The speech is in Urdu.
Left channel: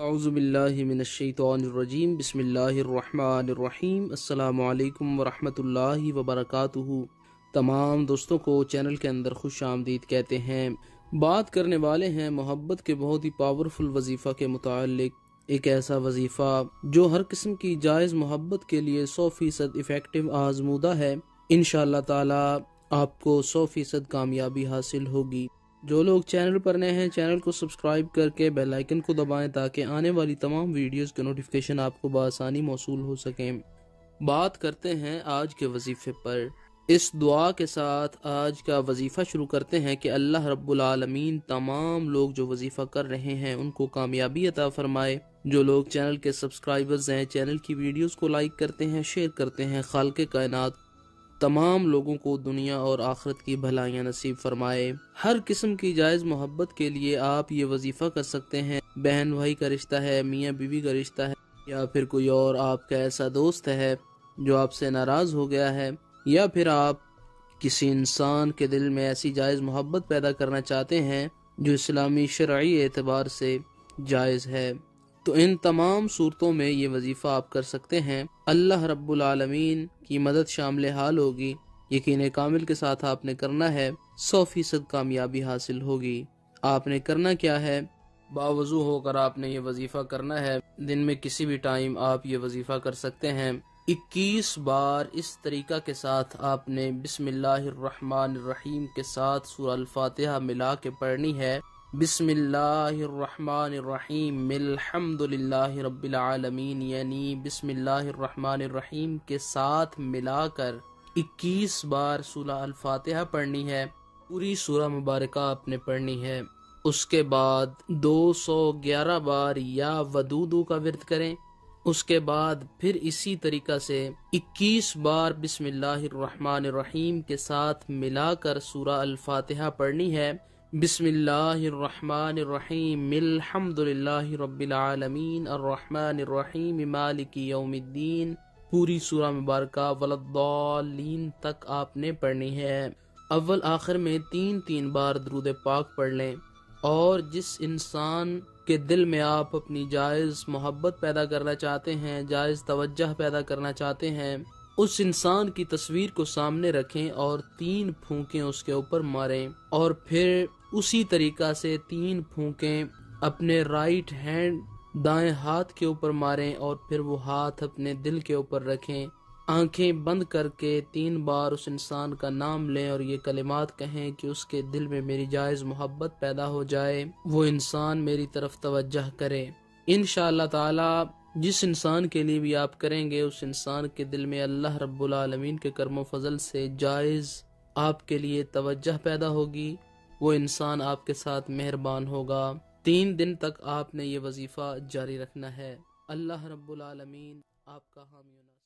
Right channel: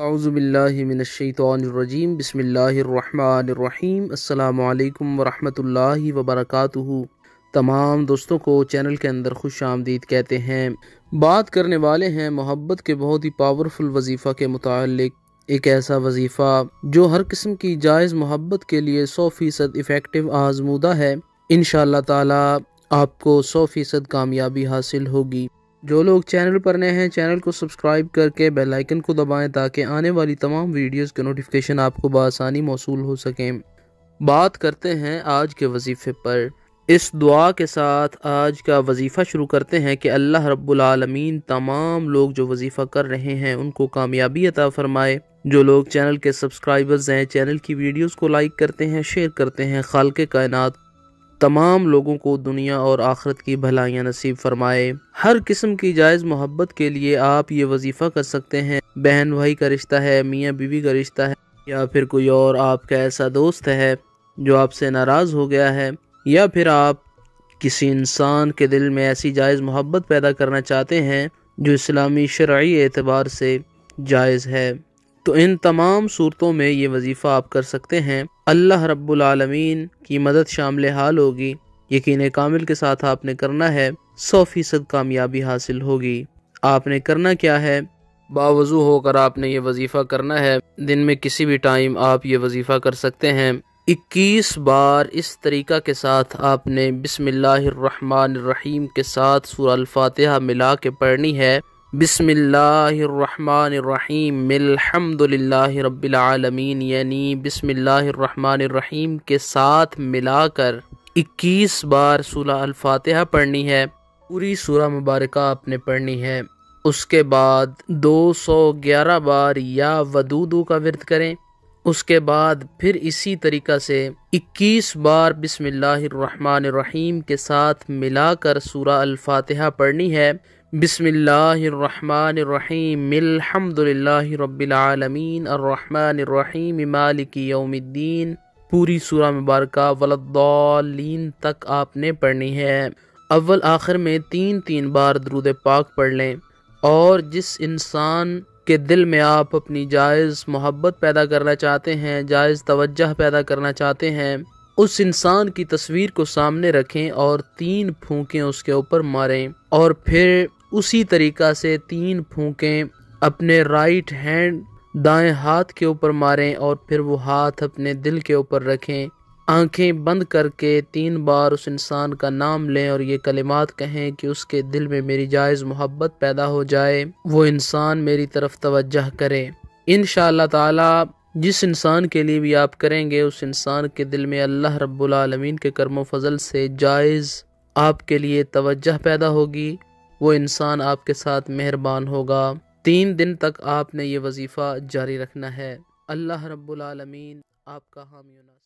اعوذ باللہ من الشیطان الرجیم بسم اللہ الرحمن الرحیم السلام علیکم ورحمۃ اللہ وبرکاتہ۔ تمام دوستوں کو چینل کے اندر خوش آمدید کہتے ہیں۔ بات کرنے والے ہیں محبت کے بہت ہی پاورفل وظیفہ کے متعلق۔ ایک ایسا وظیفہ جو ہر قسم کی جائز محبت کے لیے 100% افیکٹو آزمودہ ہے۔ انشاءاللہ تعالی آپ کو 100% کامیابی حاصل ہوگی۔ جو لوگ چینل پر نئے ہیں چینل کو سبسکرائب کر کے بیل آئیکن کو دبائیں تاکہ آنے والی تمام ویڈیوز کے نوٹیفیکیشن آپ کو بآسانی موصول ہو سکیں۔ بات کرتے ہیں آج کے وظیفے پر۔ اس دعا کے ساتھ آج کا وظیفہ شروع کرتے ہیں کہ اللہ رب العالمین تمام لوگ جو وظیفہ کر رہے ہیں ان کو کامیابی عطا فرمائے۔ جو لوگ چینل کے سبسکرائبرز ہیں چینل کی ویڈیوز کو لائک کرتے ہیں شیئر کرتے ہیں، خالق کائنات تمام لوگوں کو دنیا اور آخرت کی بھلائیاں نصیب فرمائے۔ ہر قسم کی جائز محبت کے لیے آپ یہ وظیفہ کر سکتے ہیں۔ بہن بھائی کا رشتہ ہے، میاں بیوی کا رشتہ ہے، یا پھر کوئی اور آپ کا ایسا دوست ہے جو آپ سے ناراض ہو گیا ہے، یا پھر آپ کسی انسان کے دل میں ایسی جائز محبت پیدا کرنا چاہتے ہیں جو اسلامی شرعی اعتبار سے جائز ہے، تو ان تمام صورتوں میں یہ وظیفہ آپ کر سکتے ہیں۔ اللہ رب العالمین کی مدد شامل حال ہوگی۔ یقین کامل کے ساتھ آپ نے کرنا ہے، 100% کامیابی حاصل ہوگی۔ آپ نے کرنا کیا ہے؟ باوضو ہو کر آپ نے یہ وظیفہ کرنا ہے۔ دن میں کسی بھی ٹائم آپ یہ وظیفہ کر سکتے ہیں۔ 21 بار اس طریقہ کے ساتھ آپ نے بسم اللہ الرحمن الرحیم کے ساتھ سورہ الفاتحہ ملا کے پڑھنی ہے۔ بسم اللہ الرحمن الرحیم الحمد للہ رب العالمین، یعنی بسم اللہ الرحمن الرحیم کے ساتھ ملا کر 21 بار سورہ الفاتحہ پڑھنی ہے۔ پوری سورہ مبارکہ آپ نے پڑھنی ہے۔ اس کے بعد 211 بار یا ودودو کا ورد کریں۔ اس کے بعد پھر اسی طریقہ سے 21 بار بسم اللہ الرحمن الرحیم کے ساتھ ملا کر سورہ الفاتحہ پڑھنی ہے۔ بسم اللہ الرحمن الرحیم الحمد للہ رب العالمین الرحمن الرحیم مالک یوم الدین، پوری سورہ مبارکہ ولضالین تک آپ نے پڑھنی ہے۔ اول آخر میں 3 بار درود پاک پڑھ لیں، اور جس انسان کے دل میں آپ اپنی جائز محبت پیدا کرنا چاہتے ہیں، جائز توجہ پیدا کرنا چاہتے ہیں، اس انسان کی تصویر کو سامنے رکھیں اور 3 پھونکیں اس کے اوپر ماریں، اور پھر اسی طریقہ سے 3 پھونکیں اپنے رائٹ ہینڈ دائیں ہاتھ کے اوپر ماریں، اور پھر وہ ہاتھ اپنے دل کے اوپر رکھیں۔ آنکھیں بند کر کے 3 بار اس انسان کا نام لیں اور یہ کلمات کہیں کہ اس کے دل میں میری جائز محبت پیدا ہو جائے، وہ انسان میری طرف توجہ کرے۔ انشاءاللہ تعالی جس انسان کے لیے بھی آپ کریں گے اس انسان کے دل میں اللہ رب العالمین کے کرم و فضل سے جائز آپ کے لیے توجہ پیدا ہوگی، وہ انسان آپ کے ساتھ مہربان ہوگا۔ 3 دن تک آپ نے یہ وظیفہ جاری رکھنا ہے۔ اللہ رب العالمین آپ کا حامی و ناصر۔